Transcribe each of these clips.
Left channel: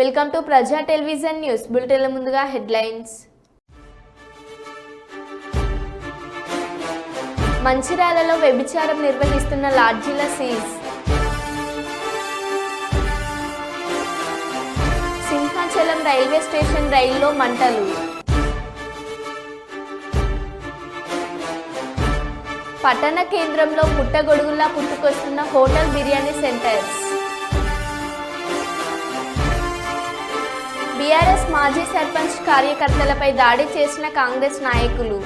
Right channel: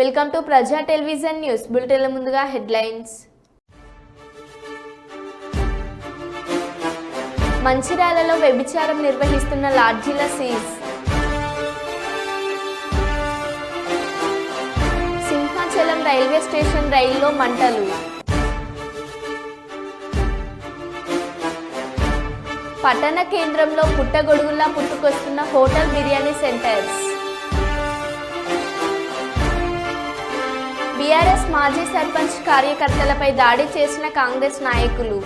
Welcome to ప్రజా television news బులెటిన్ల ముందుగా headlines. మంచిర్యాలలో వ్యభిచారం నిర్వహిస్తున్న లాడ్జీల సీజ్. సింహాచలం రైల్వే స్టేషన్ రైల్లో మంటలు. పట్టణ కేంద్రంలో పుట్టగొడుగుల్లా పుట్టుకొస్తున్న హోటల్ బిర్యానీ సెంటర్స్. బీఆర్ఎస్ మాజీ సర్పంచ్ కార్యకర్తలపై దాడి చేసిన కాంగ్రెస్ నాయకులు.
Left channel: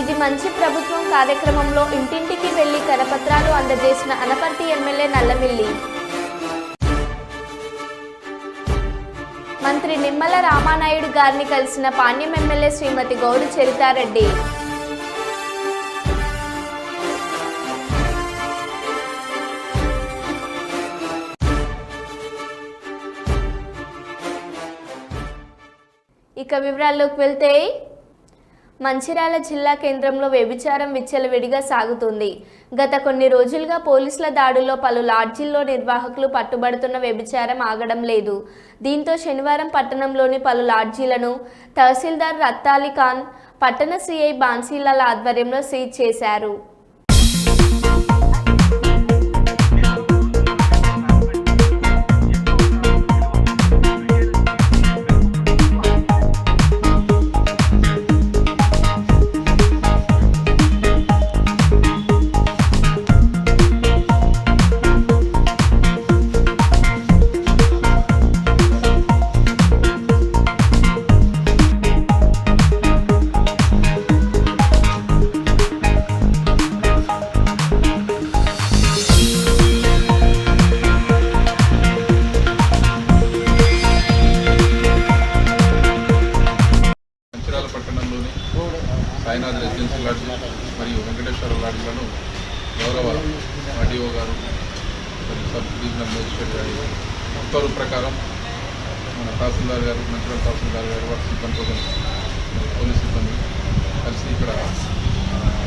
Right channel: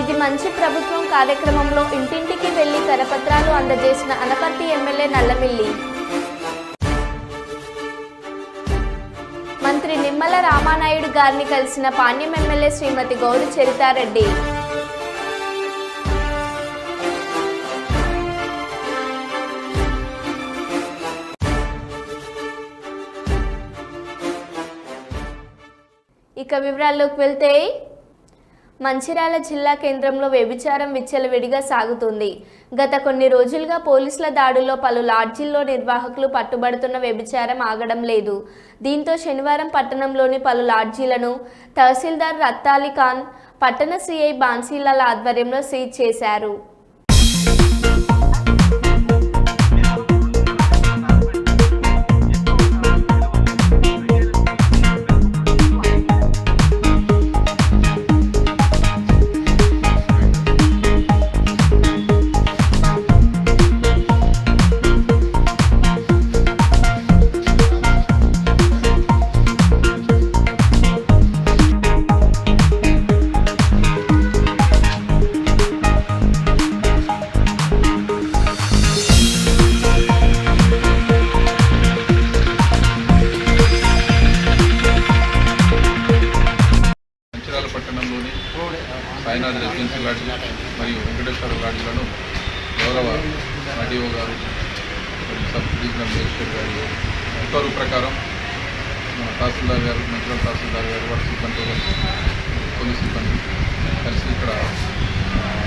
ఇది మంచి ప్రభుత్వం కార్యక్రమంలో ఇంటింటికి వెళ్లి కరపత్రాలు అందజేసిన అనపర్తి ఎమ్మెల్యే నల్లమిల్లి. మంత్రి నిమ్మల రామానాయుడు గారిని కలిసిన పాణ్యం ఎమ్మెల్యే శ్రీమతి గౌరి చరితారెడ్డి. ఇక వివరాల్లోకి వెళ్తే, మంచిర్యాల జిల్లా కేంద్రంలో వ్యభిచారం విచ్చలవిడిగా సాగుతుంది. గత కొన్ని రోజులుగా పోలీసుల దాడుల్లో పలు లాడ్జీల్లో నిర్వాహకులు పట్టుబడుతున్న వ్యభిచారం ఆగడం లేదు. దీంతో శనివారం పట్టణంలోని పలు లాడ్జీలను తహసీల్దార్ రత్తాలి ఖాన్, పట్టణ సిఐ బాన్సీలాల ఆధ్వర్యంలో సీజ్ చేశారు. పట్టణంలోని సాయినాథ్ రెసిడెన్సీ లాడ్జీ మరియు వెంకటేశ్వర లాడ్జీలను గౌరవ ఆర్డీఓ గారు మరియు సబ్ డివిజనల్ మేజిస్ట్రేట్ గారి ఉత్తర్వు ప్రకారం మన తహసీల్దార్ గారు, మంచిర్యాల తహసీల్దార్ గారు, వారి సిబ్బందితో కలిసి పోలీస్ సిబ్బంది కలిసి ఇక్కడ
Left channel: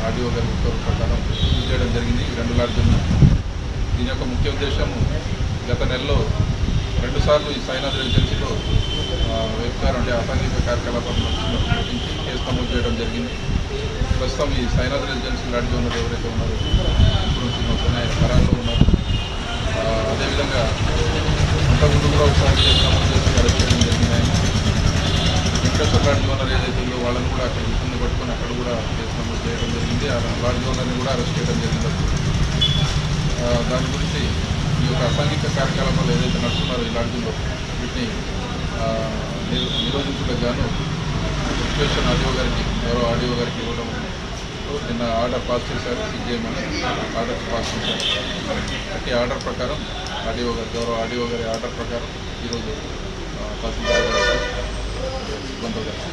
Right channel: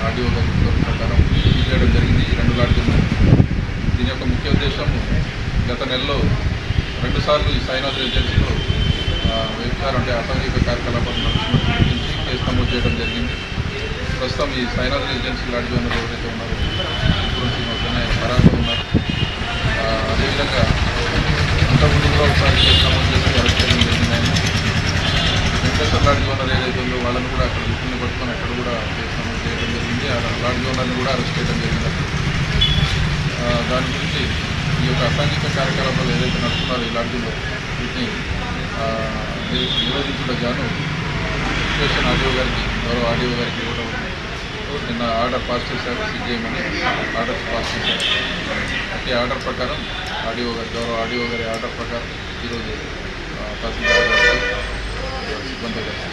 ఆర్డీఓ గారి ఉత్తర్వు ప్రకారం చేయడం జరిగింది. ఈ రెండు లాడ్జీలను. దీని యొక్క ముఖ్య ఉద్దేశము, గత నెలలో 2 సార్లు ఈ సాయినాథ్ రెసిడెన్సీలో వ్యభిచారం అంటే అసాంఘిక కార్యకలాపాలు నడుస్తున్నట్టు గురించి కేసు నమోదు చేయడం జరిగింది. ప్రస్తుతం ఈ సాయినాథ్ రెసిడెన్సీ లాడ్జీ ఉన్నది ఎవరైతే ఉన్నారో ఇప్పుడు శ్రీనివాస్ అని ఆయన పరాలో ఉన్నారు. అదేవిధంగా అంతకుముందు కూడా ఒకసారి కేసు నమోదు చేసి అరెస్ట్ చేయడం జరిగింది. ఆయన వెంకటేశ్వర లాడ్జీ ఓనర్ ఏదైతే ఉందో వాళ్ళని కూడా అక్కడ విషయాన్ని పట్టుకొని అక్కడ కూడా కేసు నమోదు చేయడం జరిగింది. ఆ లాడ్జీ ఓనర్ని కూడా అరెస్ట్ చేయడం జరిగింది. దాని గురించి ఈ యొక్క అసాంఘిక కార్యకలాపాలు ఏదైతే నడుస్తున్నారో ఈ లాడ్జీలో వీటిని నిరోధించడం గాను స్టేషన్ ఆర్డీఓ గారికి, గౌరవ ఆర్డీఓ గారికి ఇవ్వడం నిన్న ఆర్డర్ పాస్ చేశారు. చేయమని ఆర్డర్ పాస్ చేశారు. ప్రతి ఆర్డర్ ప్రకారం ఆర్డీఓ గారు, గౌరవ ఆర్డీఓ గారి ఆర్డర్ ప్రకారం ఈరోజు తహసీల్దార్ గారు సిబ్బంది కలిసి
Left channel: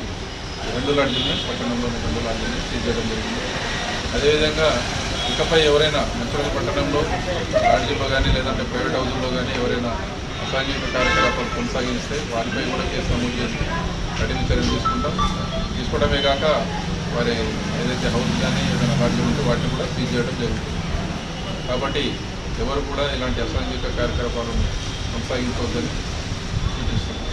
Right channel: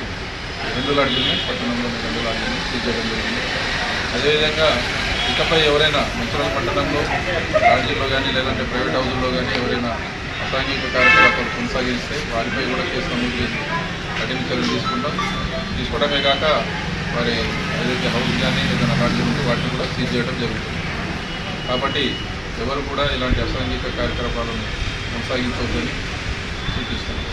2 లాడ్జీలని, పట్టణంలోని 2 లాడ్జీలని సీజ్ చేయడం జరిగింది. అదేవిధంగా ఇకపై ఎవరైనా మంచిర్యాల పట్టణంలో లాడ్జీల్లో కానీ లేదంటే ప్రైవేట్ హౌజుల్లో కానీ ఎవరైనా అసాంఘిక కార్యకలాపాలు కొనసాగిస్తే వారిపై కూడా కేసు నమోదు చేసి కఠిన చర్యలు తీసుకోవడమే కాక వారి ఏదైతే హౌస్ కానీ ఏదైనా లాడ్జీలు ఉంటే వాటిని కూడా సీజ్ చేయడం జరుగుతుంది. కాబట్టి ఎవరు కూడా ఇలాంటి అసాంఘిక కార్యకలాపాలను కొనసాగించవద్దని సూచిస్తున్నాం.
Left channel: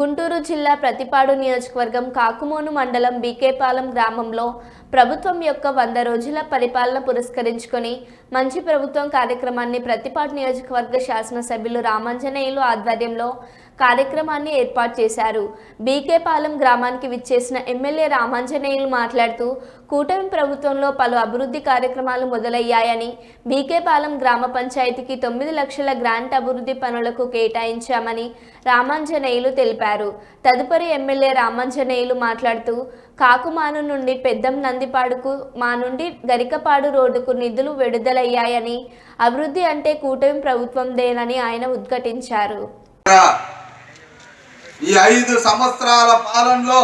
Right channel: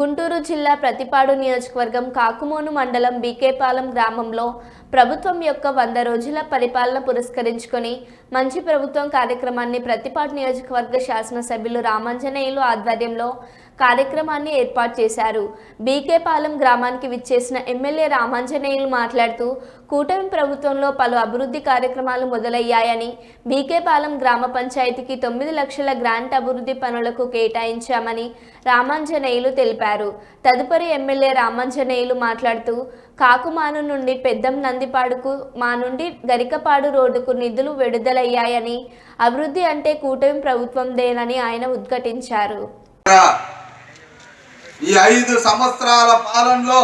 గుంటూరు జిల్లా ప్రతిపాడు నియోజకవర్గం కాకుమోను మండలం బీకేపాలెం గ్రామంలో ప్రభుత్వం యొక్క 100 రోజుల పరిపాలన పురస్కరించుకొని మంచి ప్రభుత్వం కార్యక్రమాన్ని ప్రతిపాడు నియోజకవర్గ శాసనసభ్యులు రామాంజనేయులు ఆధ్వర్యంలో కార్యక్రమాన్ని ఏర్పాటు చేశారు. బీకేపాలెం గ్రామానికి విచ్చేసిన ఎమ్మెల్యే రామాంజనేయులు మాట్లాడుతూ, కూటమి ప్రభుత్వంలో పలు అభివృద్ధి కార్యక్రమాలు మొదలయ్యాయని, బీకేపాలెం గ్రామ పంచాయతీకి 9 లక్షల గ్రాంట్ అభివృద్ధి పనులకు కేటాయించామని రామాంజనేయులు తెలిపారు. తదుపరి ఎమ్మెల్యే రామాంజనేయులు మాట్లాడుతూ, కాకుమాను నుండి పెద్దం నందిపాడుకు, మా నుండి గరికపాడు రోడ్డుకు నిధులు విడుదలయ్యాయని, అభివృద్ధి అంటే కూటమి ప్రభుత్వందేనని ఆయన ఉద్ఘాటించారు. ఈ 5 సంవత్సరాల పాలనలో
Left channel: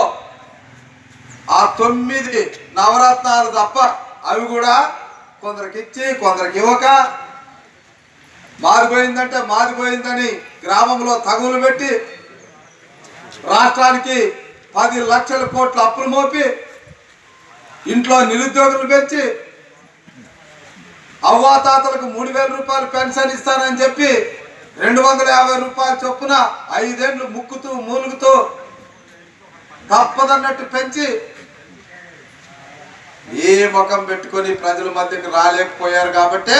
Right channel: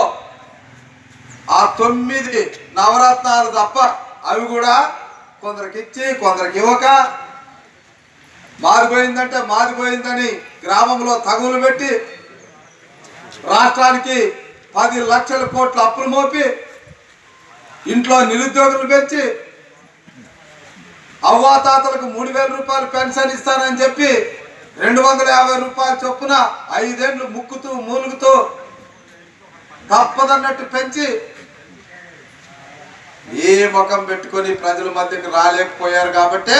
ఆ 9 నవరత్నాలు తప్ప అవి కూడా కొందరికి ఇచ్చి కొందరికి ఇవ్వక, మారిపోయిందంటే మారిపోయిందని గ్రామంలో తగులు పెట్టి రాష్ట్రానికి 10 లక్షల కోట్ల అప్పులు మోపి ఇంట్లో నిరుద్యోగులు పెంచి అవ్వాతాతలకు 3,000 రూపాయలు పెన్షన్ ఇస్తానని చెప్పి 250 రూపాయల చొప్పున 5 ఏళ్ళు ముక్కుతూ మూలుగుతూ తప్పదన్నట్టు పెంచి ఏ ముఖం పెట్టుకొని ప్రజల మధ్యకు రాలేకపోయారు. కాబట్టి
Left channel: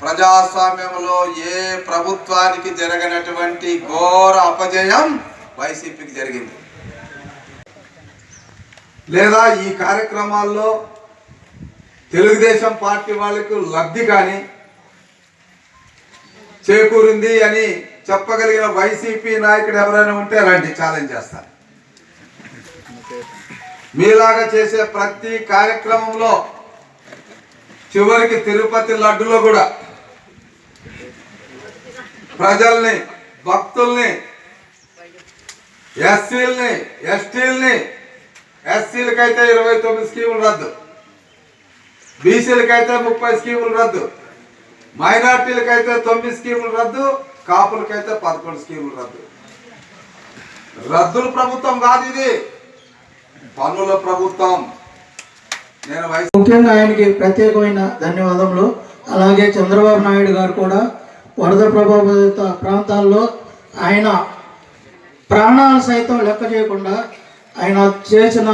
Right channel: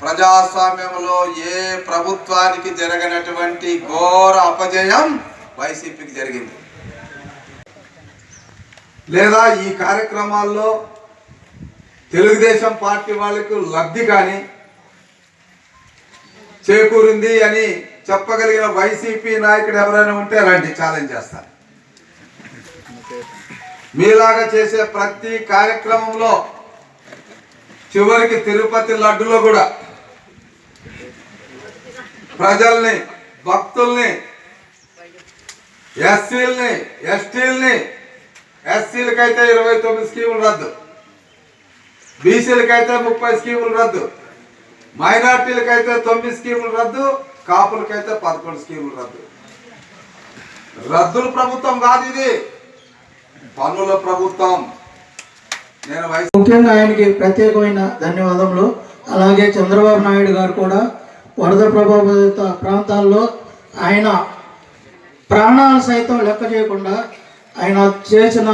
ప్రజాస్వామ్యంలో ఏ ప్రభుత్వానికి జరగనటువంటి ఘోర అపజయం వైసీపీకి జరిగింది. లేదా ఈ కార్యక్రమాల్లో తెలుగుదేశం పార్టీ వాళ్ళకు లబ్ధి కానీ చేకూరింది అని చెప్పగలిగిన వైసీపీ నాయకుడు ఎవరైనా ఉంటే రండి, ఛాలెంజ్ చేస్తారు. మీలాగా చేసే ప్రతి కార్యక్రమంలో చివరికి తిరుపతి లడ్డులో కూడా ప్రజల్ని, భక్తుల్ని, ఎస్సీలని, ఎస్టీలని, ఎస్సీలకైతే 29 స్కీములు రద్దు, బీసీలకైతే 30 స్కీములు రద్దు, మైనార్టీలకైతే 9 స్కీములు రద్దు, కాపులకైతే 11 స్కీములు రద్దు. రద్దుల ప్రభుత్వం కాదు ఇది, పన్నుల ప్రభుత్వం. నేను ముఖ్యంగా ఆయనకి ప్రత్యేకమైన ధన్యవాదములు. అలాగే చంద్రబాబు నాయుడు గారు కూడా వరద ప్రభావిత ప్రాంతాల్లో ఆయన ప్రాణాలు సైతం లెక్క చేయకుండా ఆయన చేసిన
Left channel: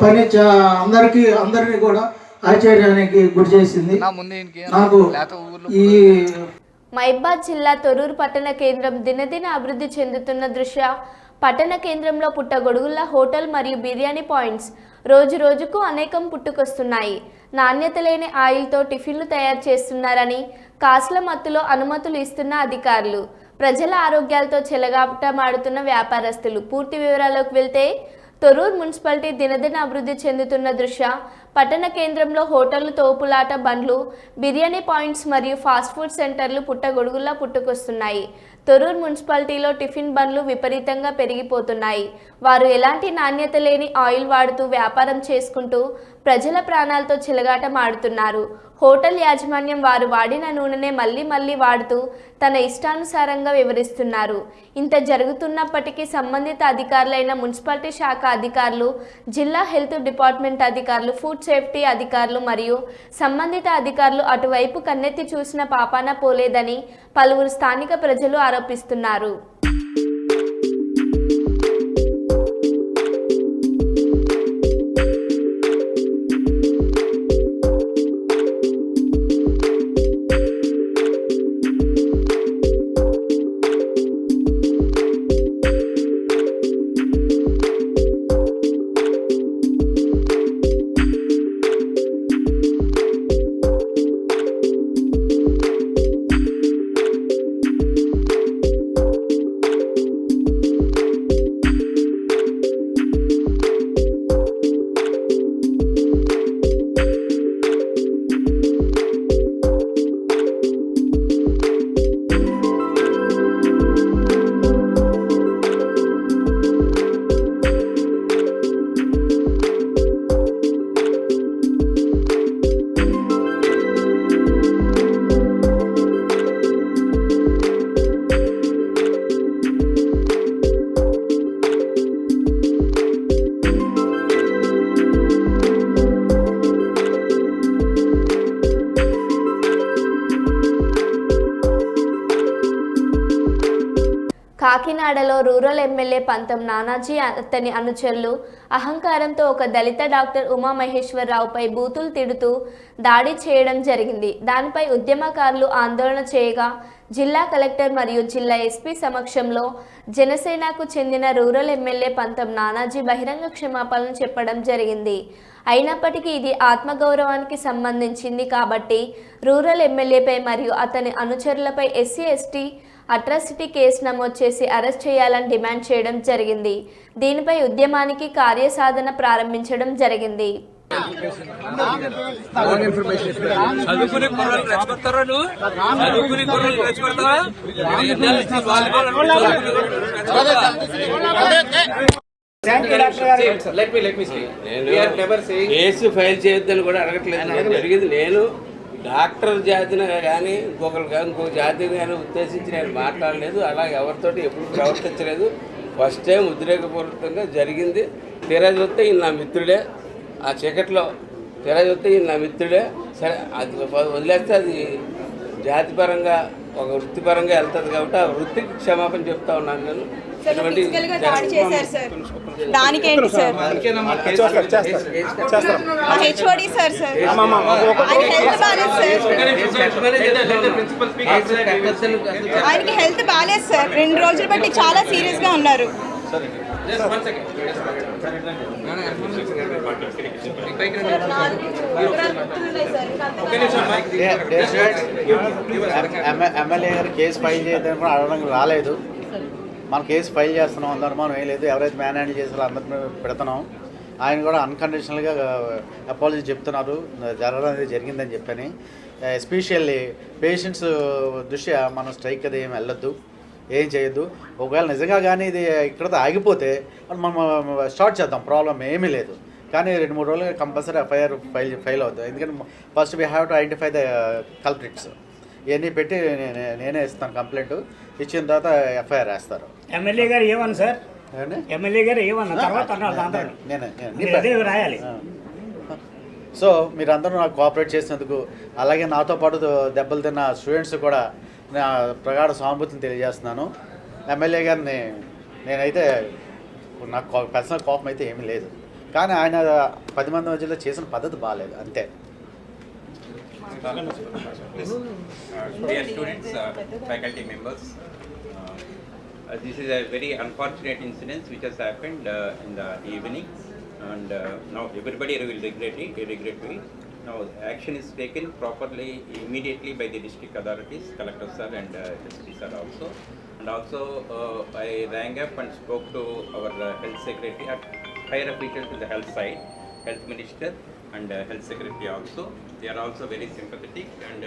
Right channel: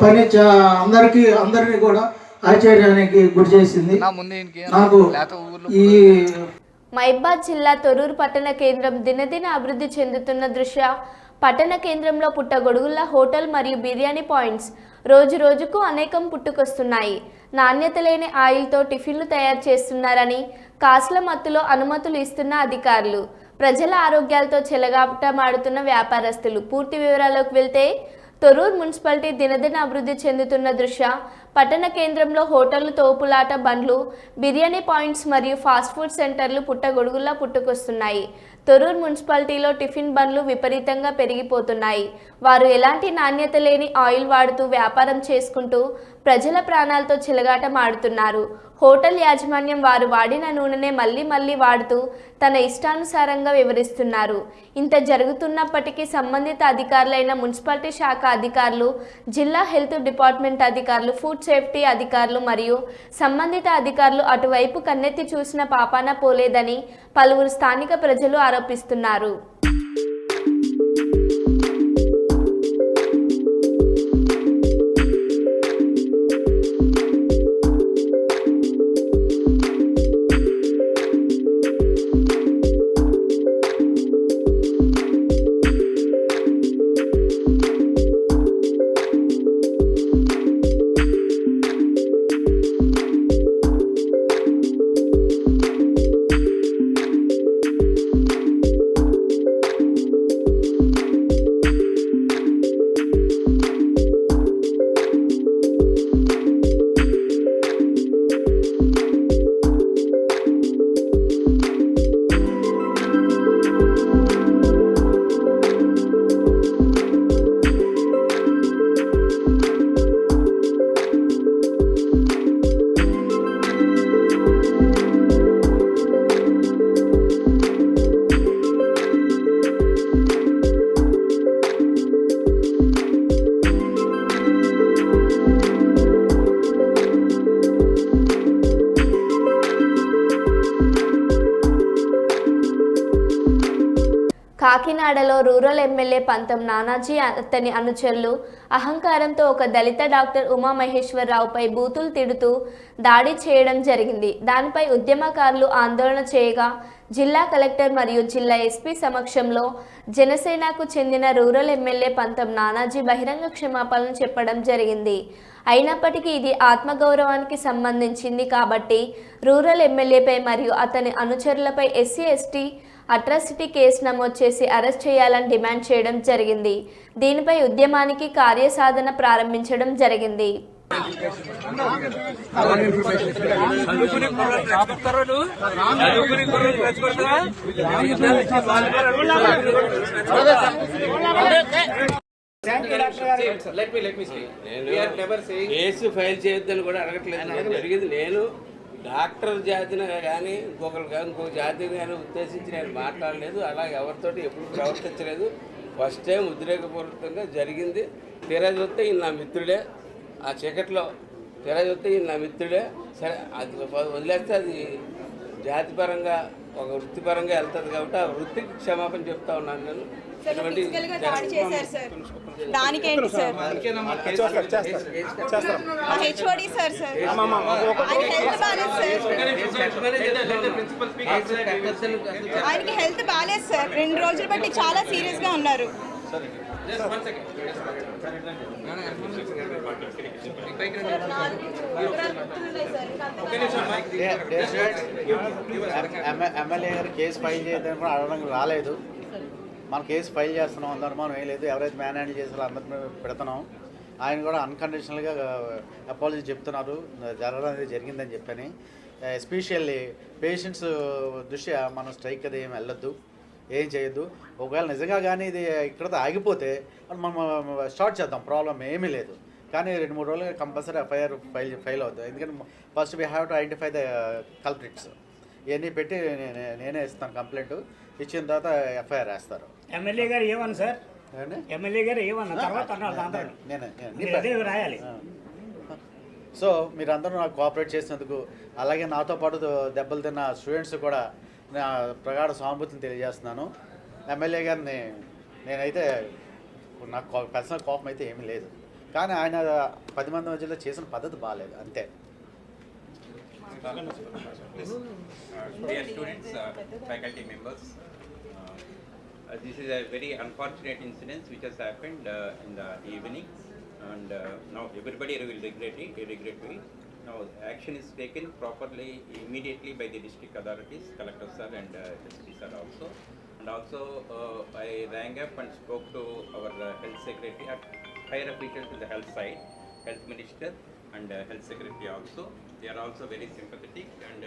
పని అందరినీ కూడా ఆశ్చర్యానికి గురి చేసింది. నాకు ఈ మహబూబాబాద్ జిల్లా తొర్రూరు పట్టణ కేంద్రం దినదిన అభివృద్ధి చెందుతున్న దృష్ట్యా పట్టణ కేంద్రంలో పుట్టగొడుగుల హోటల్ మరియు బిర్యానీ పాయింట్స్ రోజు రోజుకు అనేకం పుట్టుకొస్తున్నాయి. నాణ్యత లేని ఆయిల్తో టిఫిన్లు తయారు చేస్తున్నారని కాసుల మత్తులో అనుమతులు ఇస్తున్న అధికారులు, ప్రజల ఆరోగ్యాలతో చెలగాటమాడుతున్న వ్యాపారస్తులు. పూర్తి వివరాల్లోకి వెళ్తే తొర్రూరు మున్సిపాలిటీ దినదిన అభివృద్ధి చెందుతున్న దృష్ట్యా పట్టణ కేంద్రంలో హోటళ్లు, తోపులాట బండ్లు, బిర్యానీ పాయింట్స్ మరియు ఫాస్ట్ ఫుడ్ సెంటర్లు పుట్టగొడుగుల్లా పుట్టుకొస్తున్నాయి. తొర్రూరు మున్సిపాలిటీలో టిఫిన్ బండ్లు విపరీతంగా పెరిగిపోతున్నాయి. వారు ఎలాంటి నాణ్యత లేని ఆయిల్ వాడుతూ వ్యాపారం చేసుకుంటూ ప్రజల ప్రాణాలతో చెలగాటమాడుతున్నారు. హోటల్ యాజమాన్యం వారు వాడిన నూనెనే మళ్ళీ వాడుతూ తన ఇష్టానుసారంగా వివరిస్తున్నారు. ఇంత జరుగుతున్నప్పటికీ సంబంధిత అధికారులైన మున్సిపాలిటీ శాఖ అధికారులు, జిల్లా హెల్త్ డిపార్ట్మెంట్ అధికారులు, ఫుడ్ సేఫ్టీ అధికారులు మరియు సంబంధిత అధికారులు అటువైపు కన్నెత్తి చూసిన పాపాన పోలేదని పలువురు స్థానిక ప్రజలు ఆరోపిస్తున్నారు. కాకినాడలో రూరల్ ఎమ్మెల్యే పంతం నానాజీ అతని అనుచరులు అహంకారంతో ఒక దళిత డాక్టర్ ఉమామహేశ్వరరావుపై బూతులు తిడుతూ దాడి చేయడం జరిగింది. దానిపై ఉద్యమకారులు ఆందోళన చేయగా జిల్లా కలెక్టర్ మరియు జిల్లా ఎస్పీ సమక్షంలో జనసేనకు చెందిన రూరల్ ఎమ్మెల్యే పంతం నానాజీ బహిరంగ క్షమాపణలు చెప్పడం జరిగింది. అయినప్పటికీ ఇది ఆత్మగౌరవానికి సంబంధించింది కాబట్టి రూరల్ ఎమ్మెల్యేపై మరియు అతని అనుచరులపై SC/ST అట్రాసిటీ కేసు నమోదు చేసి అరెస్ట్ చేయాలని డిమాండ్ చేయడం జరిగింది. దీనిపై ఉద్యమానికి కార్యసాధన ప్రారంభించడం జరిగింది. కేసు ఫైల్ చేయొద్దని కూడా అడగట్లేదు. జరిగింది నేను డాక్టర్ జాతిని కానీ ఇంకొక జాతిని కానీ ఉద్దేశించి నేను మాట్లాడలేదు. అలా ఎవరితోటి ఎప్పుడు ప్రవర్తించలేదు. ఫస్ట్ టైం ఉద్రేకపూర్వకంగా జరిగింది. తీరా చూస్తే ఈయన నా మిత్రుడే. ఆ చీకట్లో తెర చూస్తే ఈయన నా మిత్రుడే. సరే అది వదిలేస్తే అది జాతిపరంగా ఒక వృత్తిపరంగా వెళ్తుంది కాబట్టి ఆ వృత్తికి క్షమాపణ చెప్తా ఉన్నాను నేను. దానికేంటి సార్ హెచ్ఓడి సార్ ఆయనకి హెల్త్ బాగాలేదు సార్. 2 రోజులు బట్టి చాలా సీరియస్ గా ఉన్నారు. ఎమ్మెల్యే గారు కేసు ఫైల్ చేయడానికి కూడా అడగడానికి రాలేదు. మనం కేసు ఫైల్ చేస్తున్నాం, అందరం మనం ఏం లేదు, ఎవరైతే మ్యాన్ హ్యాండిల్ చేసారో అందరినీ పెడుతున్నాం. ఆయన కూడా అన్కండిషనల్గా అపాలజీ చెప్తున్నారు, జరగడం అనేది జరిగిందని చెప్పని. ఎస్పెషల్లీ పేషెంట్స్ దృష్ట్యా మనం స్ట్రైక్ అది ఏమి వెళ్ళొద్దు, ఏం చేయొద్దు. ఒకవేళ నిజంగా కానీ ఇది ఇక్కడతో ఆగిపోతే మనం స్టార్ట్ చేద్దాం, ప్రాబ్లం ఏమీ లేదు. కానీ 2-3 రోజులుగా కంపల్సరీ ఎఫ్ఐఆర్ ఫైల్ అవుతుంది. ఎందుకంటే first we have to identify the culprits. ఇవన్నీ పెట్టి నేనే ఇస్తాను కంప్లైంట్. ఇచ్చిన తర్వాత ఎఫ్ఐఆర్ వేస్తారు. ఎమ్మెల్యే గారు ఏమన్నా సార్, ఎమ్మెల్యే గారు ఏమన్నా తర్వాత నేనే రాయాలి. సో మీరందరూ నాకు కోఆపరేట్ చేసినందుకు, అలాగే నాతో పాటు దెబ్బలు తిన్న స్టూడెంట్స్ కూడా నా ప్రగాఢ సానుభూతిని తెలియజేస్తున్నాను. ఎమ్మెల్యే గారిని నేనైతే నాకు పర్సనల్ కోపం అయితే ఏమీ లేదు, కానీ ఆయన 10 మంది మధ్యలో చేసిన పద్ధతి బాగాలేదు అంతే. Dear students, faculty members, this is a very unfortunate incident which has happened in the evening, and now everybody will regret it. Now action is taken properly immediately by the district authorities, collector sir and SP sir also. And also I rang up and spoke to our health secretary at higher officials to the health side, health minister and health secretary also. They are also very sympathetic, and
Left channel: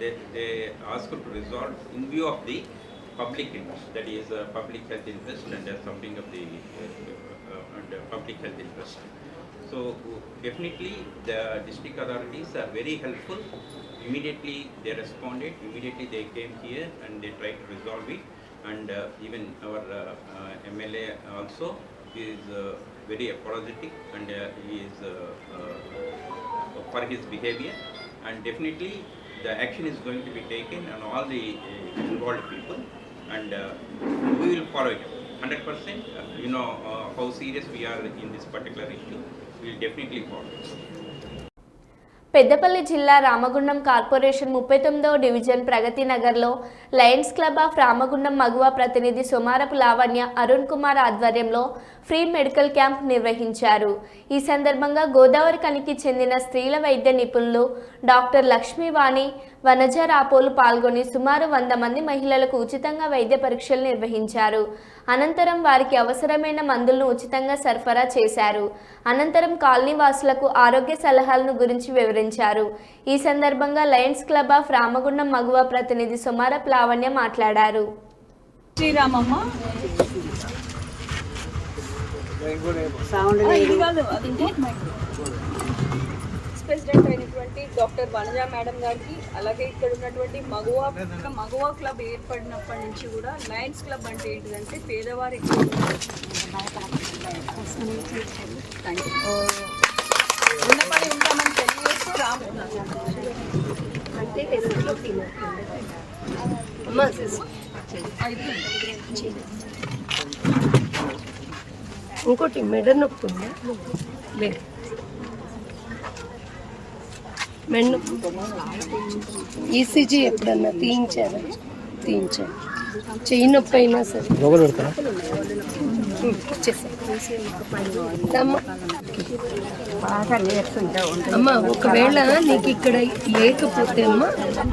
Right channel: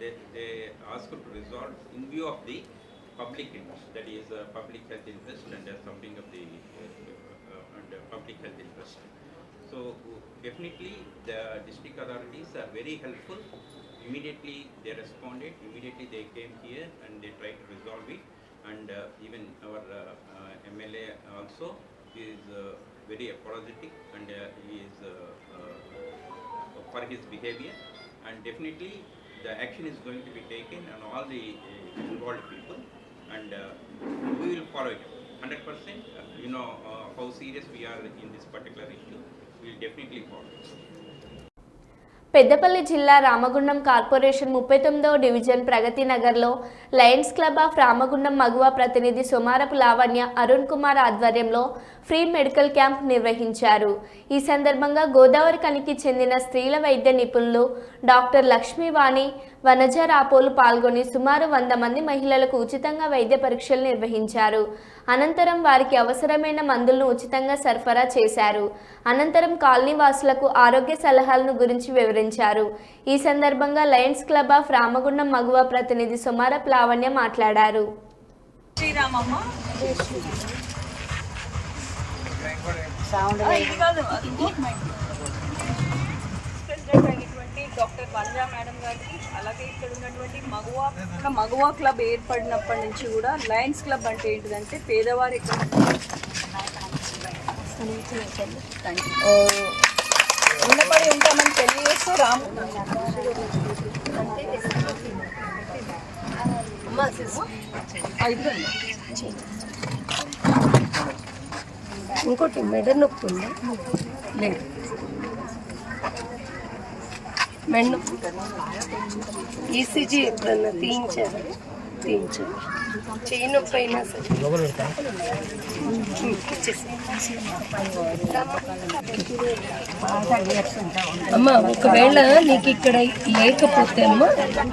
they ask to resolve in view of the public interest, that is public health interest and something of the public health interest. So definitely the district authorities are very helpful. Immediately they responded, immediately they came here and they tried to resolve it, and even our MLA also is very apologetic, and he is for his behavior, and definitely the action is going to be taken on all the involved people, and we will follow it 100%. You know how serious we are in this particular issue. We will definitely follow it. Peddapalli జిల్లా Ramagundam corporation 39వ division ప్రగతి నగర్లో Lions club of Ramagundam మగువ ప్రతినిధి సోమారపు లావణ్య అరుణ్ కుమార్ ఆధ్వర్యంలో free medical camp నిర్వహించారు. ఈ సందర్భంగా గోదావరి కనికి చెందిన స్త్రీల వైద్య నిపుణులు డాక్టర్ లక్ష్మీవాణి వనజ రాపోలు పాల్గొని సుమారు 100 మంది మహిళలకు ఉచితంగా వైద్య పరీక్షలు నిర్వహించారు. అనంతరం వారికి అవసరమైన మందులను ఉచితంగా సరఫరా చేశారు. అనంతరం కాలనీ వాసులకు ఆరోగ్య సలహాలను గురించి వివరించారు. ఈ సందర్భంగా లయన్స్ క్లబ్ ఆఫ్ రామగుండం మగువ ప్రతినిధి సోమారపు లావణ్య మాట్లాడారు. ప్రెసిడెంట్ అయినటువంటి డాక్టర్ వనజ మేడం గారికి, అలాగే ఇక్కడ ఉన్నటువంటి మగువ క్లబ్ ఏర్పడినప్పటి నుంచి కూడా లయన్స్ క్లబ్ అంటే ఏంటిదంటే పేదవారి ఉన్నపడి ఉంటామని తెలియజేస్తూ ఇంకోటి మెడ నొప్పి ఉందా? లేదు. మెడ నొప్పి ఈసీజీ ఎప్పుడన్నా తీయించారు. చెయ్యి నొప్పి అయినా సరే అమ్మ, ఒకవేళ నీకు ఇక్కడ లేకపోతే అమ్మా,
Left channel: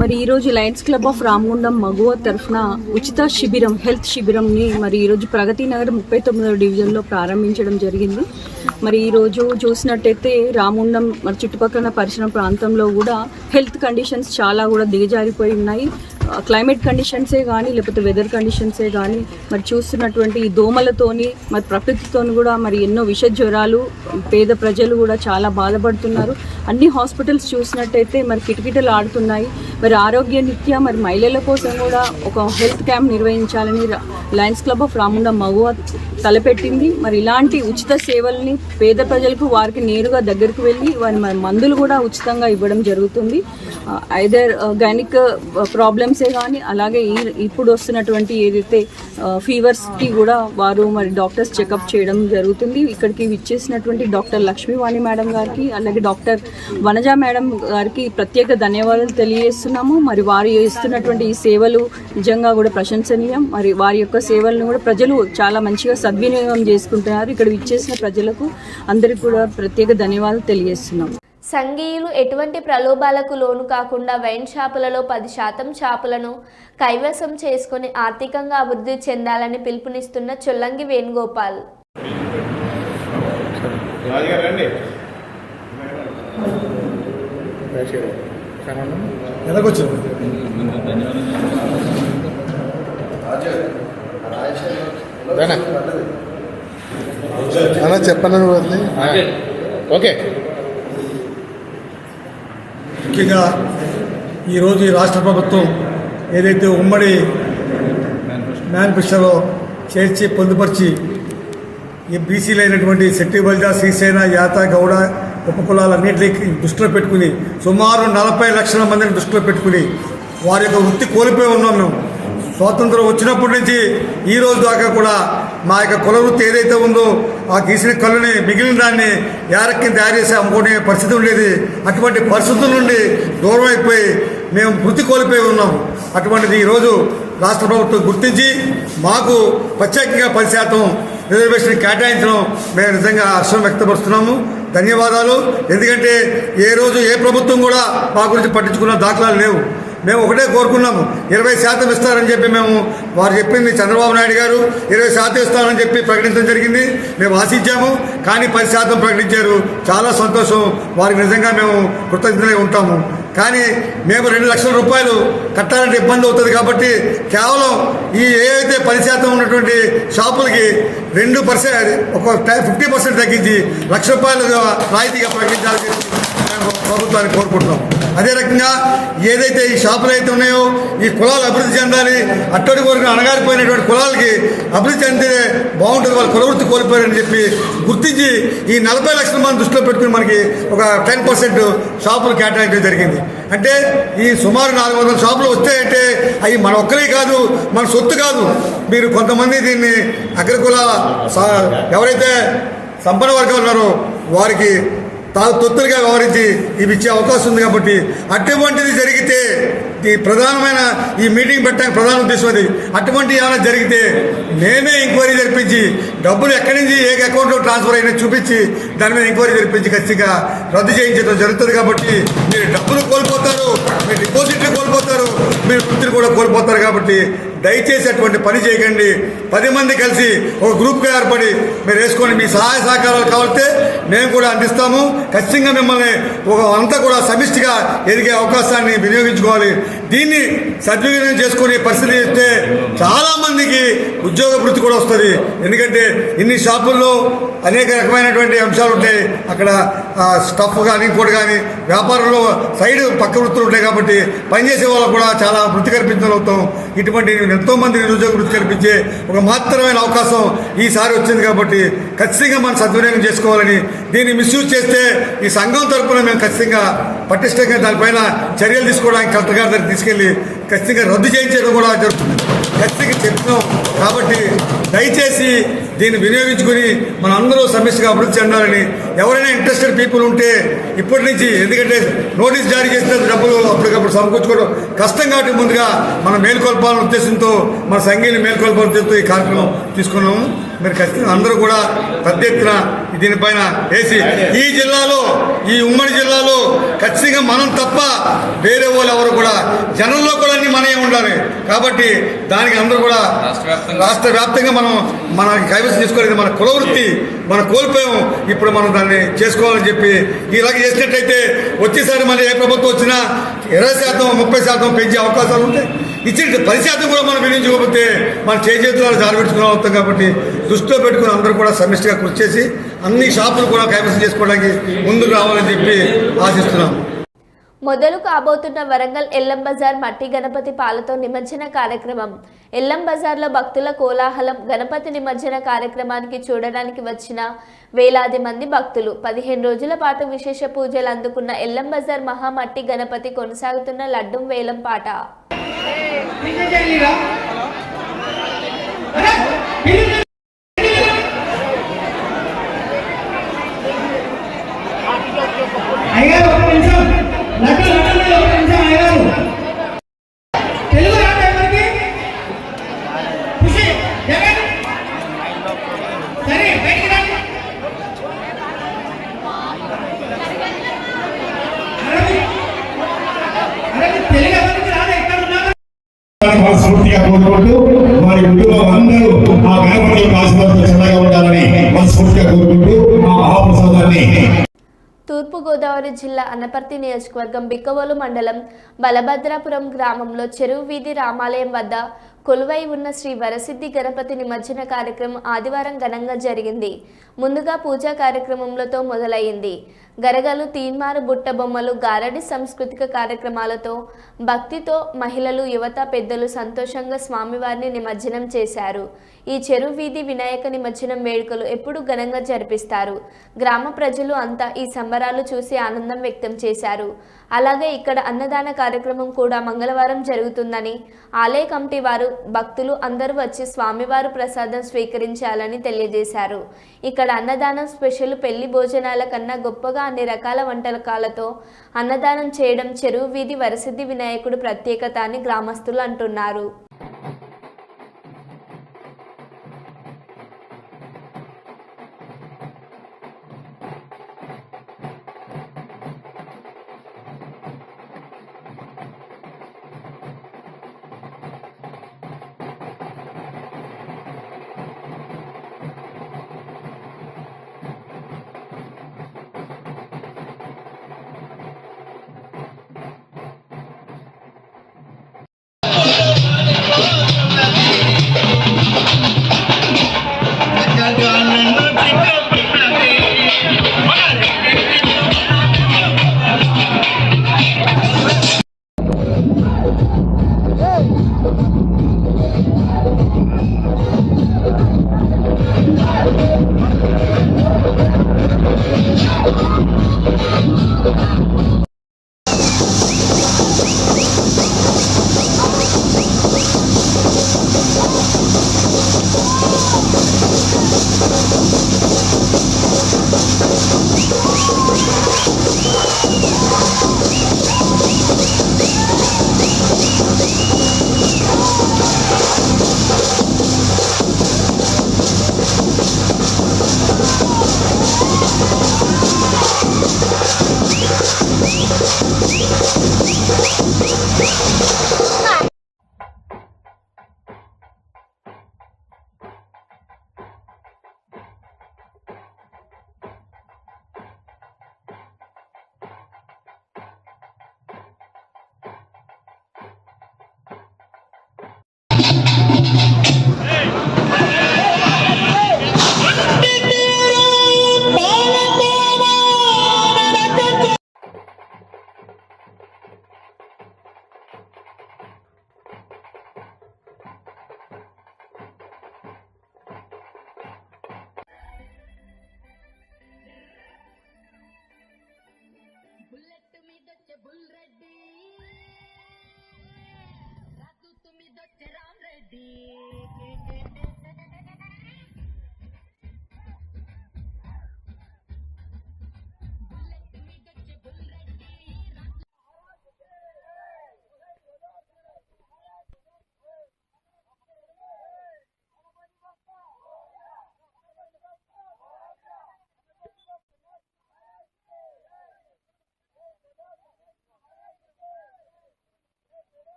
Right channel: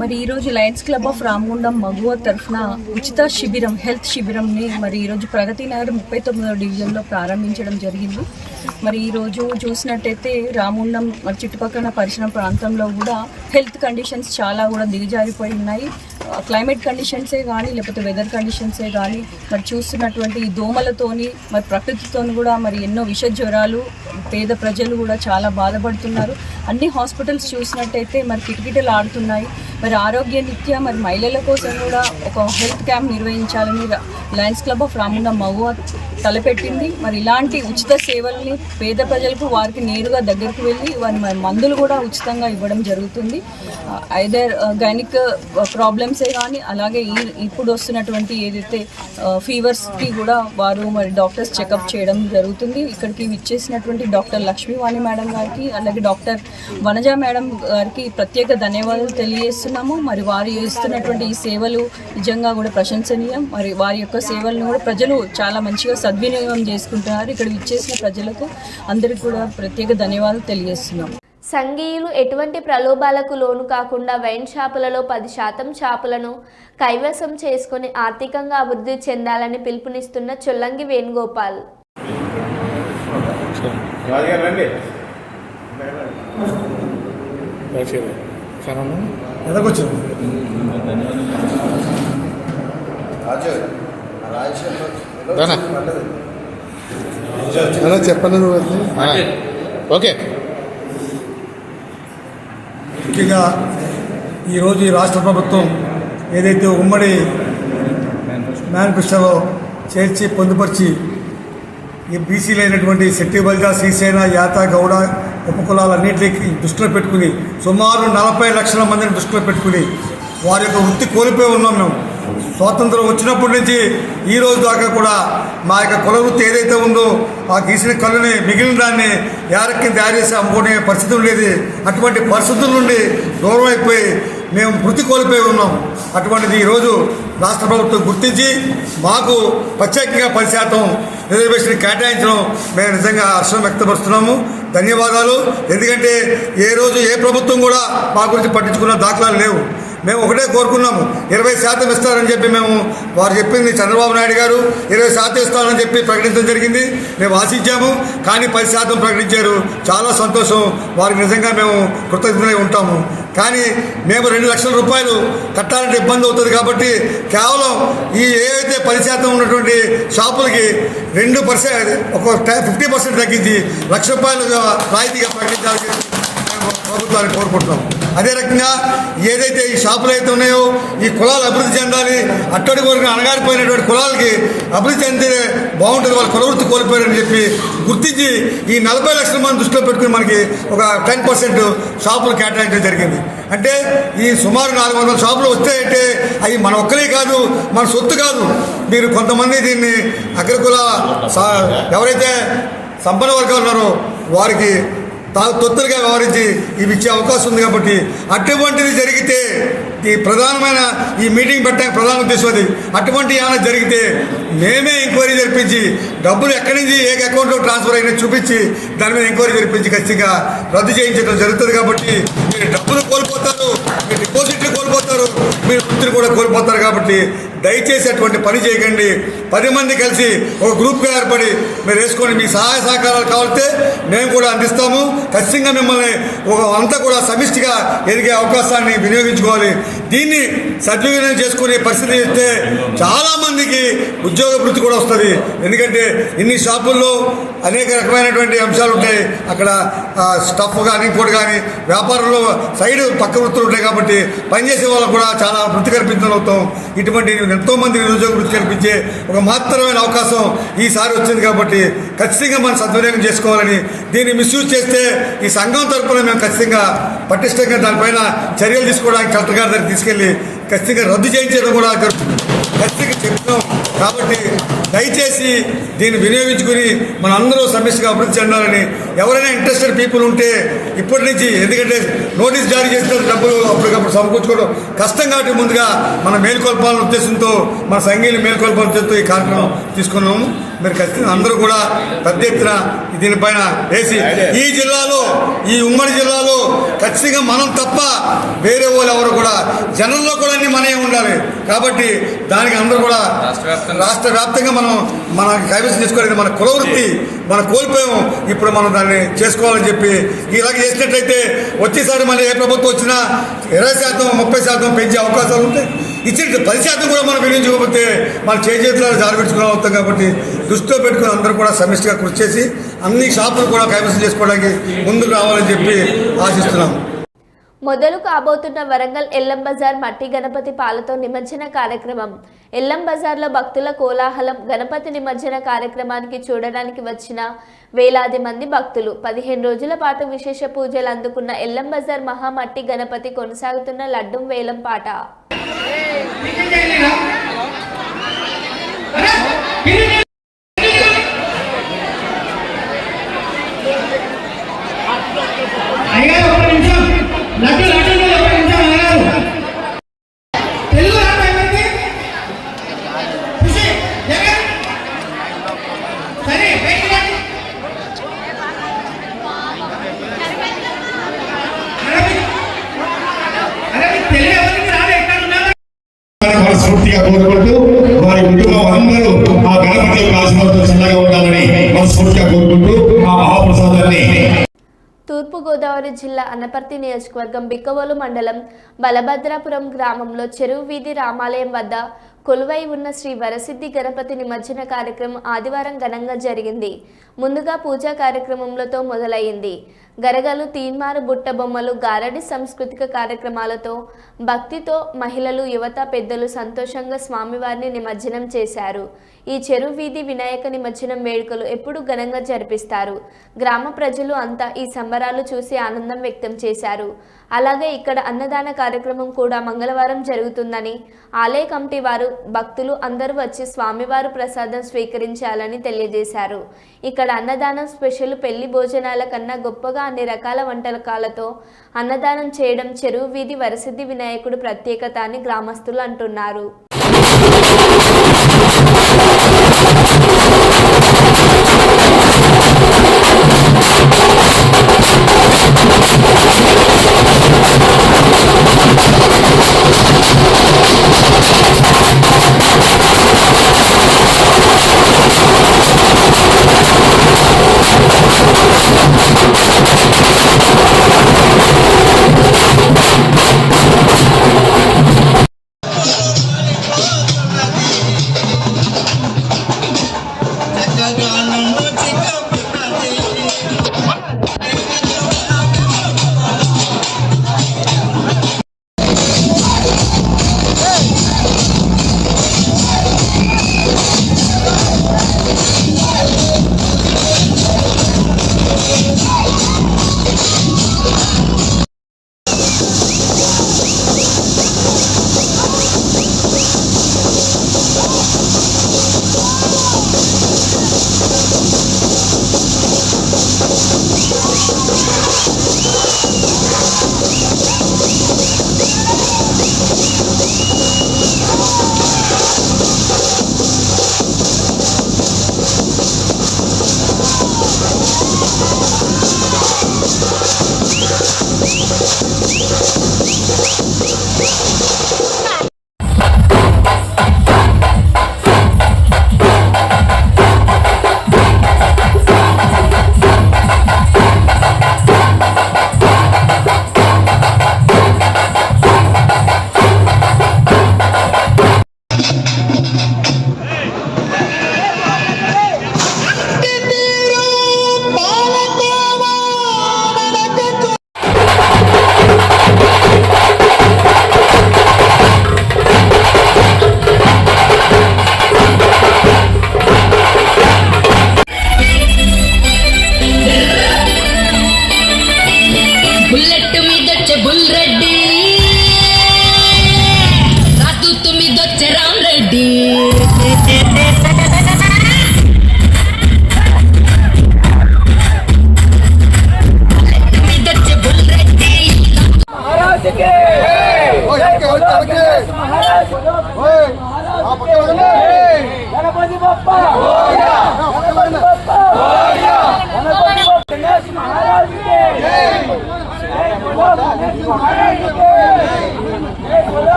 మరి ఈరోజు లయన్స్ క్లబ్ ఆఫ్ రామగుండం మగువ తరఫున ఉచిత శిబిరం, హెల్త్ శిబిరంని మరి ఈరోజు ప్రగతి నగర్ 39వ డివిజన్లో ప్రారంభించడం జరిగింది. మరి ఈరోజు చూసినట్టయితే రామగుండం మరి చుట్టుపక్కల పరిసర ప్రాంతంలో కూడా హెల్త్ కండిషన్స్ చాలా కూడా దిగజారిపోయి ఉన్నాయి. క్లైమేట్ కండిషన్సే కానీ లేకపోతే వెదర్ కండిషన్సే కానీ మరి చూస్తున్నటువంటి ఈ దోమలతోని మరి ప్రకృతితోని కూడా మరి ఎన్నో విష జ్వరాలు పేద ప్రజలు కూడా చాలా బాధపడుతున్నారు. అన్ని హాస్పిటల్స్ చూసినట్టయితే మరి కిటకిటలు ఆడుతున్నాయి. మరి ఆరోగ్య నిత్య మరి మహిళల కోసం కూడా ఒక హెల్త్ క్యాంప్ నిర్వహించాలని లయన్స్ క్లబ్ ఆఫ్ రామగుండం మగువ తలపెట్టింది. మరి ఇలాంటి ఉచిత సేవల్ని పేద ప్రజలకు వారికి నేరుగా దగ్గరికి వెళ్ళి వారి మందులు కూడా ఉచితంగా ఇవ్వడం జరుగుతుంది. ఐదర్ గైనిక్ ప్రాబ్లమ్సే కానీ అలాగే ఇప్పుడు వస్తున్నటువంటి ఏదైతే ఫీవర్స్కి కూడా వారు మరి డాక్టర్స్ చెకప్ చేయడం జరుగుతుంది. ఇక్కడికి విచ్చేసినటువంటి డాక్టర్ లక్ష్మీవాణి మేడం గారికి అలాగే డాక్టర్ వనజ మేడం గారికి ప్రత్యేక ధన్యవాదాలు తెలియజేస్తున్నాము. మరి వారు ఇస్తున్నటువంటి ఈ సేవలు నిజంగా కూడా ప్రశంసనీయం. మరి వారి యొక్క సేవలను కూడా ప్రజలు చాలా మంచిగా సద్వినియోగం చేసుకుంటున్నారు. ఇక్కడ విచ్చేసిన ప్రజలకు అందరికీ కూడా ప్రత్యేక ధన్యవాదాలు తెలియజేస్తున్నాం. సంఘీయులు ఎటువంటి ప్రలోభాలకు లోను కాకుండా వైన్ షాపులలో 10% షాపులను కైవసం చేసుకుని ఆర్థికంగా అభివృద్ధి చెందాలని పిలుపునిస్తున్న చొల్లంగి వేణుగోపాల్. చెప్పండి. ఓకే. ముఖ్యంగా ఈరోజు ఈ రాష్ట్ర ప్రభుత్వం ఏదైతే ఉమ్మడి మేనిఫెస్టోలో చేర్చి పొందుపరిచి ఈ బీసీలు అయినటువంటి శెట్టి బల్జా శ్రీసేన యాత గౌడ ఉపకులాలన్నింటినీ దృష్టిలో పెట్టుకుని సుమారు 40 లక్షల మందిని దృష్టిలో పెట్టుకుని వారి యొక్క వృత్తి కోల్పోయి ఉన్నాం. మేము స్వాతంత్రం వచ్చినప్పటి నుంచి ఈ రోజు దాకా కూడా మా యొక్క కుల వృత్తి ఏదైతే ఉందో ఆ గీసిన కళ్ళని మిగిలిన దాన్ని యారక్కి తయారు చేసి అమ్ముకునే పరిస్థితి ఉండేది. అటువంటి పరిస్థితుల నుండి దూరం అయిపోయి మేము వృత్తి కోల్పోయి ఉన్నాం. అటువంటిది ఈరోజు రాష్ట్ర ప్రభుత్వం గుర్తించి మాకు ప్రత్యేకంగా 10% రిజర్వేషన్ కేటాయించడం మేము నిజంగా హర్షం వ్యక్తపరుస్తున్నాము. ధన్యవాదాలు. ఎందుకంటే ఏ రోజు ఏ ప్రభుత్వం కూడా మా గురించి పట్టించుకున్న దాఖలాలు లేవు. మేము ఒకటే కోరుకున్నాము, 20% ఇస్తారని చెప్పి మేము వారు చెప్పింది చంద్రబాబు నాయుడు గారు 20% ఇస్తారని చెప్పి ప్రకటించడం జరిగింది. మేము ఆశించాము, కానీ 10% ప్రకటించారు. చాలా సంతోషం. వారికి నిజంగా మేము కృతజ్ఞతలై ఉంటాము. కానీ మేము 2 లక్షల రూపాయలు కట్టాలంటే ఇబ్బంది అవుతుంది కాబట్టి కేవలం ఈ ఏదైతే 10% ఉన్నటువంటి షాపులకి 2% ఒక 50% తగ్గించి ₹1,00,000 రాయితీగా ప్రకటించాలని మేము ప్రభుత్వాన్ని కోరుకుంటున్నాం. అదే రకంగా ఏదైతే ఈ షాపులు అయితే ఉన్నాయో ఈ కులాలు అభివృద్ధి చెందాలి, అట్టడి కోరిక అణగారిపోయినటువంటి కులాలకి అభివృద్ధి చెందితే బాగుంటుంది, వాళ్ళ కుల వృత్తి కోల్పోయారని చెప్పి గుర్తించి ఈ 40 లక్షల మంది దృష్టిలో పెట్టుకుని మనకి ఒక 10% షాపులు కేటాయించడం జరిగింది. అంటే ఈ సుమారు 400 షాపులు వస్తాయంటే అవి మన ఒక్కరే కాదు, మన సొత్తు కాదు. మీరు కొంతమంది దీన్ని అగ్రకుల ఎవరైతే సంపన్న వర్గాలు ఉన్నారో వారికి తొత్తులుగా వ్యవహరించి ఇవి ఇచ్చే అవకాశం ఉంది. కాబట్టి అటువంటిది జరిగితే ఈ ప్రధానమైన ఈ మీటింగ్ పెట్టడానికి ప్రధాన ఉద్దేశం అది. అటువంటి ఏమైనా జరిగితే మేమే ఎంక్వైరీ జరిపించి డబ్బులు ఎక్కడి నుంచి ఏ అకౌంట్లో ట్రాన్స్ఫర్ అయినా చూపించి దాని మీద ఎంక్వైరీ జరిపించి ఖచ్చితంగా రద్దు చేయించడం జరుగుతుంది. కాబట్టి మీరు డబ్బులు కోల్పోతారు, మీరు డిపాజిట్లు కోల్పోతారు, మీరు వృత్తిని కూడా కోల్పోతారు. కాబట్టి దయచేసి అటువంటి పని చేయకండి. 10 మంది కలిసి ఒక గ్రూప్గా ఏర్పడి మీరు వేసుకొని మీ సహాయ సహకారాలు కావాలంటే మేము కూడా అందిస్తాము. ఖచ్చితంగా మిమ్మల్ని అంతా కూడా సమిష్టిగా ఎదిగే అవకాశాన్ని వినియోగించుకోవాలి. దీన్ని సద్వినియోగం చేసుకునే పరిస్థితి ఇస్తే చాలామందికి ఉద్యోగ వృత్తి కూడా వస్తుంది. ఎందుకంటే ఇన్ని షాపుల్లో అనేక రకమైనటువంటి అంశాలు ఉంటాయి. అక్కడ స్టఫ్ కానీ ఇంకోటి కానీ వ్యాపారంలో సైడ్ పక్క వృత్తులు ఉంటాయి. కాబట్టి పనిచేసే వాళ్ళకు కూడా చాలా వృత్తి కల్పించగలుగుతాం. ఇటువంటి ఎంతోమంది నిరుద్యోగ వృత్తి కల్పించే ఒక మాత్రమైన అవకాశం ఈసారి వచ్చింది. కాబట్టి ఖచ్చితంగా మనం సద్వినియోగం చేసుకోవాలని, దీన్ని మిస్యూజ్ చేస్తే ఈ సంఘం తరఫున మేము ఖచ్చితంగా పటిష్టంగా దానిపైన చర్యలు తీసుకోవడానికి కలెక్టర్ గారి దగ్గరికి తీసుకెళ్లి ఖచ్చితంగా రద్దు చేయించడం కూడా జరుగుతుంది. ఖచ్చితంగా చెప్తున్నాం. కాబట్టి దయచేసి దీన్ని వినియోగించుకుని మన అందరూ సమిష్టిగా అభివృద్ధి చెందాలని, ఎవరైనా ఇంట్రెస్టెడ్ పీపుల్ ఉంటే ఇప్పటి నుంచి, ఎందుకంటే నోటీస్ జారీ చేసిన డబ్బులు అప్పటికప్పుడు సమకూర్చుకోవడం కష్టం కాబట్టి ముందుగా మనం మేల్కొల్పాలనే ఉద్దేశంతో, మన సంఘీయులు మేల్కొల్పాలనే ఉద్దేశంతో ఈ కార్యక్రమం తీసుకున్నాము. మీరు ఖచ్చితంగా అందరూ కూడా పెద్ద ఎత్తున దీనిపైన వేసి ఈ జిల్లాలో, ఈ ఉమ్మడి జిల్లాలో ఖచ్చితంగా మనం తప్ప వేరే వాళ్ళు ఎవరు కూడా, జనంలో కూడా అన్ని మనమే ఉండాలి. కాబట్టి దానికి అందరూ కూడా రాష్ట్ర వ్యాప్తంగా మన కైవసం చేసుకోవాలి. మన కుల వృత్తి మనం కోల్పోయాం, ఇప్పుడు మనం దాన్ని చేసుకోవాలని చెప్పి ఇలాగ చేసినట్లయితే వచ్చేసారి మళ్ళీ ఏ ప్రభుత్వం వచ్చినా 20%, 30% పెంచే అవకాశాలు ఉంటాయి. ఇచ్చిన 10% కూడా మనం వినియోగించుకోకపోతే మన చేతులలో జారబెట్టుకుని అవుతాం. కాబట్టి దృష్టిలో పెట్టుకుని అందరూ కూడా సమిష్టిగా కృషి చేసి అన్ని షాపులు కూడా కైవసం చేసుకోవడానికి ముందుకు రావాలని చెప్పి ఆశిస్తున్నాం. మొదలు కాబోతున్న వరంగల్ ఎల్లం బజార్ మట్టి గణపతి పాలతో నిమజ్జన కార్యక్రమం. ఎల్లం బజార్లో భక్తుల కోలాహలం. గణపతి నిమజ్జన కార్యక్రమానికి చూడడానికి వచ్చిన వేలాది మంది భక్తులు. 15 రోజుల పాటు విశేష పూజలు అందుకున్న ఎల్లం బజార్ మహామట్టి గణపతి కొనసాగుతున్న లడ్డం వేలం పాట. మనస్ఫూర్తిగా కోరుకుంటూ వారి కుటుంబం అందరూ ఆ గణపతి ఆశీర్వాదంతో చల్లగా ఉండాలని మనస్ఫూర్తిగా కోరుకుంటూ ఆ మహాప్రసాదాన్ని. తూర్పుగోదావరి జిల్లా అనపర్తి నియోజకవర్గం బిక్కవోలు మండలం బలభద్రాపురం గ్రామంలో చెరువు వీధి రామాలయం వద్ద కొలువై ఉన్న శ్రీ వరసిద్ధి గణపతి నిమజ్జన కార్యక్రమం ఆదివారం ఘనంగా జరిగింది. ముందుగా పూజా కార్యక్రమంతో మొదలైంది. గరగలు, తీన్మారు, బుట్ట బొమ్మలు, గారడి సాంస్కృతిక కార్యక్రమాలతో భక్తితో మహిళలు, యువత, పెద్దలు సంతోషంగా స్వామివారిని నిమజ్జనం చేశారు. ఈ చెరువు వీధి వినాయక నిమజ్జనం వేడుకలు ఎప్పుడు ఘనంగా జరిపిస్తారు. గ్రామ ప్రజలు అంతా ఈ సంబరాలు చూసి ఆనందం వ్యక్తం చేశారు. అలాగే ఇక్కడ అన్నదాన కార్యక్రమం కూడా మంగళవారం జరుగుతుందని ఆలయ కమిటీ వారు, భక్తులు అందరూ వచ్చి స్వామివారు ప్రసాదం స్వీకరించాలని తెలియజేశారు. ఇక్కడ అన్నదానం స్పెషల్. పెళ్లి భోజనాల కన్నా గొప్పగా అన్ని రకాల వంటకాలతో అన్నదానం చేయడం చెరువు వీధి వరసిద్ధి వినాయకుడు ప్రత్యేకత అని గ్రామస్తులు అంటున్నారు.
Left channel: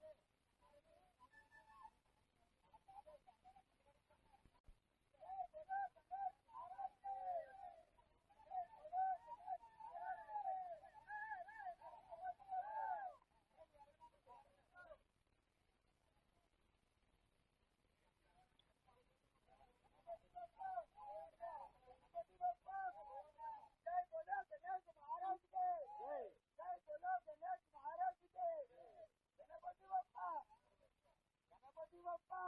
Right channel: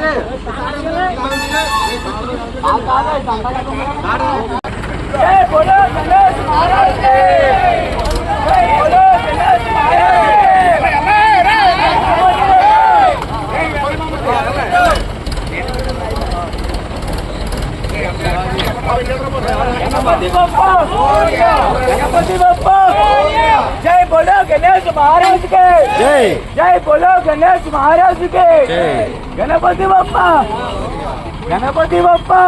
जय बोलो गणेश महाराज के जय जय बोलो गणेश महाराज के गणपति बप्पा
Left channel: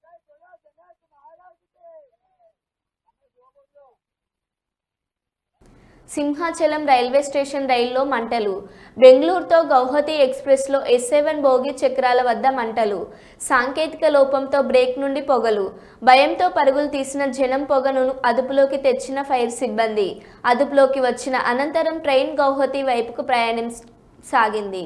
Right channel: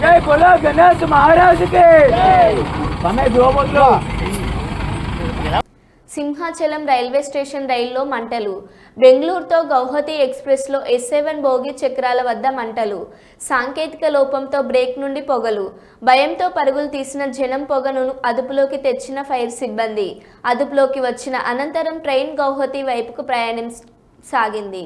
जय बोलो गणेश महाराज के समय दो बोलो సింహాచలం రైల్వే స్టేషన్ రైల్లో మంటలు. బెంగళూరుతో గౌహతి ఎక్స్ప్రెస్లో S7 బోగి చక్రాల వద్ద మంటలు. సాంకేతిక లోపంతో బ్రేక్ నుండి పొగలు. భయంతో పరుగులు తీసిన జనం పొగను అదుపులోకి తెచ్చిన ఫైర్ సిబ్బంది. అదుపులోకి వచ్చిన అనంతరం ట్రైన్ గౌహతి వైపుకు ప్రయాణం సాగింది.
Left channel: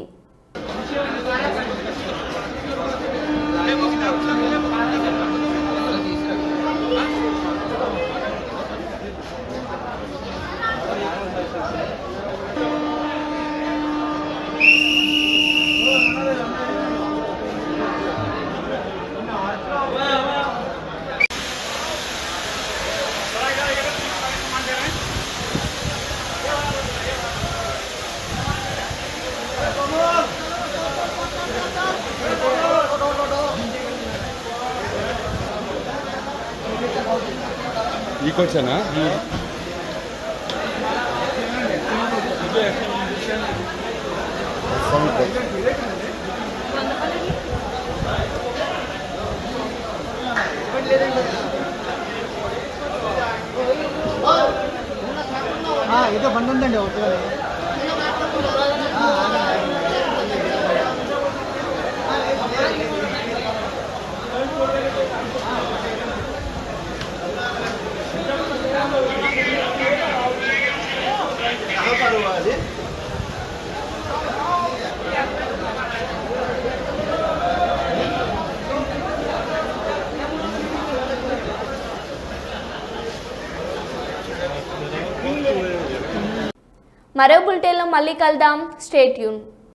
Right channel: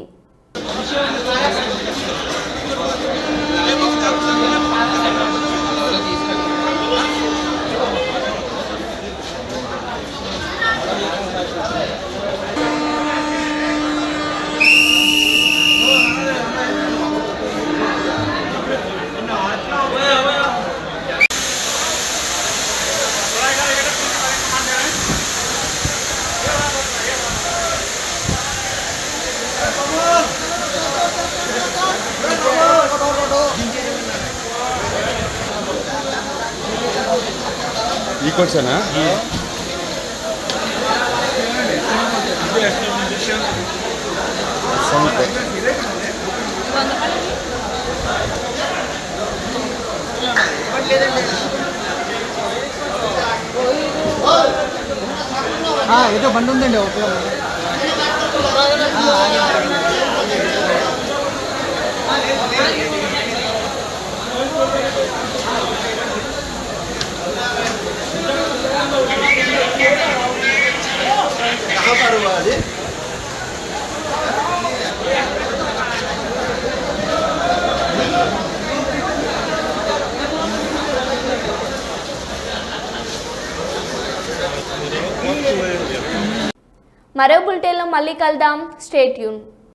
ఈ కోచనా ఏదో బండి ఉందండి ఒకటి. మరో బులెటిన్లో మళ్ళీ కలుద్దాం. Stay tune.